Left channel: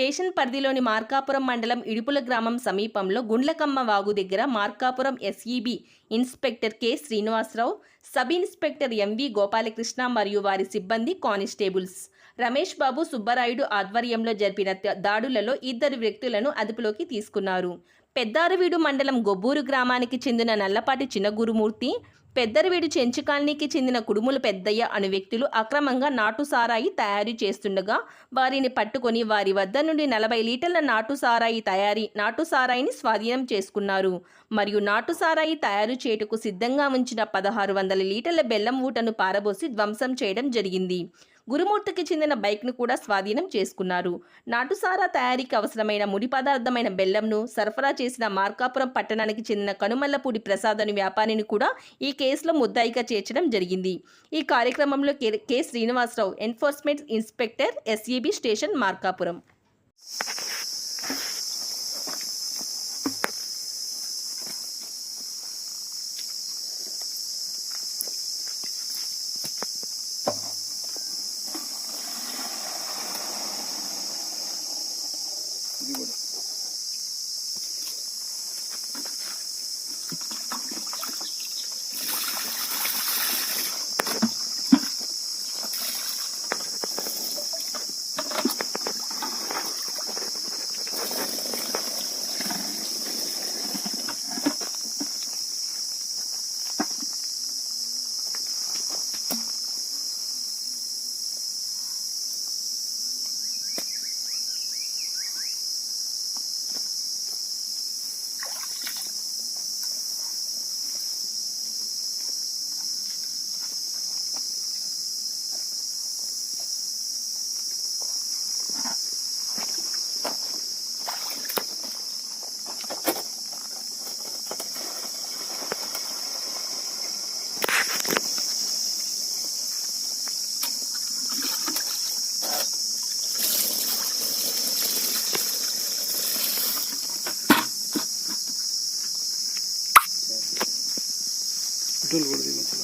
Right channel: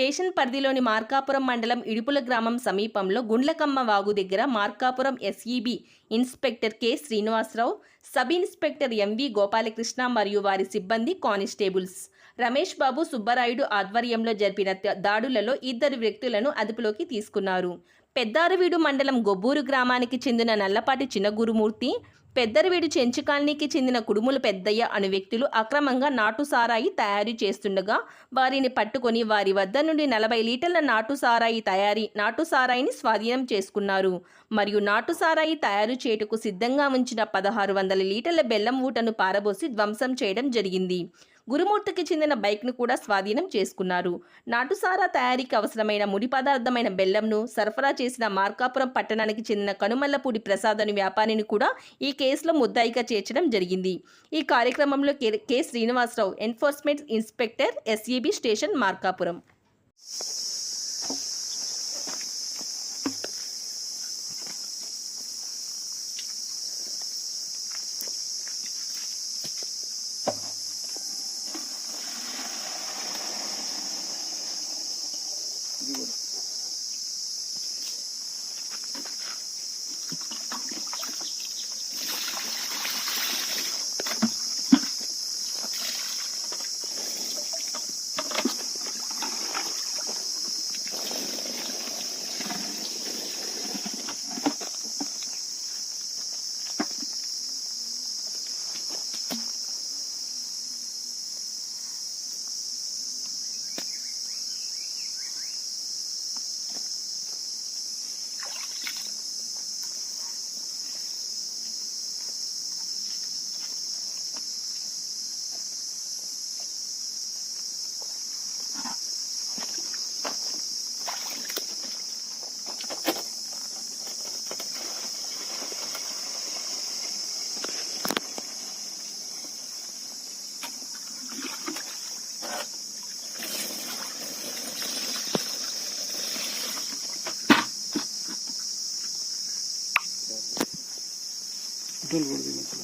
Station పరిధిలోని మార్కాపురం మండలం ఇడుపుల గ్రామం సమీపంలో గుండ్లకమ్మ వాగు దగ్గర Markapuram SEB inspector K Srinivasarao sub inspector MV Gopalakrishna మరియు వారి సిబ్బంది కానిస్టేబుల్స్. రమేష్ బాబు సుబ్బరాయుడు ఆధ్వర్యంలో జరిపిన దాడులలో ఇద్దరు వ్యక్తులను అదుపులోకి తీసుకున్నారు. పెద్దారవీడు మండలం గొబ్బూరు గ్రామానికి చెందిన నల్లపాటి చిన్నగురుమూర్తి పెద్దరవీడు చెంచు కాలనీకి చెందిన కుడుముల పెద్దయ్య అను వ్యక్తులు అక్రమంగా నాటు సారాయి తయారు చేస్తుండగా వారిని పట్టుకొని వారి వద్ద నుండి నలభై లీటర్ల నాటు సారాయి తయారీ నాటు సారాయిని స్వాధీనం చేసుకున్నారు. మరియు నాటు సారాయి తయారు చేయుటకు సిద్ధంగా ఉంచిన పదహారు వందల లీటర్ల బెల్లం ఊటను పారబోసి ధ్వంసం చేయడం జరిగింది. గురుమూర్తికి చెందిన బైక్ను కూడా స్వాధీనం చేసుకున్నారు. నాటుసారా తయారీకి అవసరమైన ముడి పదార్థమైన బెల్లంను సరఫరా చేసిన మార్కాపురం పట్టణానికి చెందిన కనుమల్లపూడి ప్రసాద్ అని వ్యాపారిని కూడా ఈ కేసులో ముద్దాయిగా చేర్చడం జరిగింది. ఈ కార్యక్రమంలో K K Srinivasarao enforcement inspector SEB station Markapuram. জীবনে gölgelemesi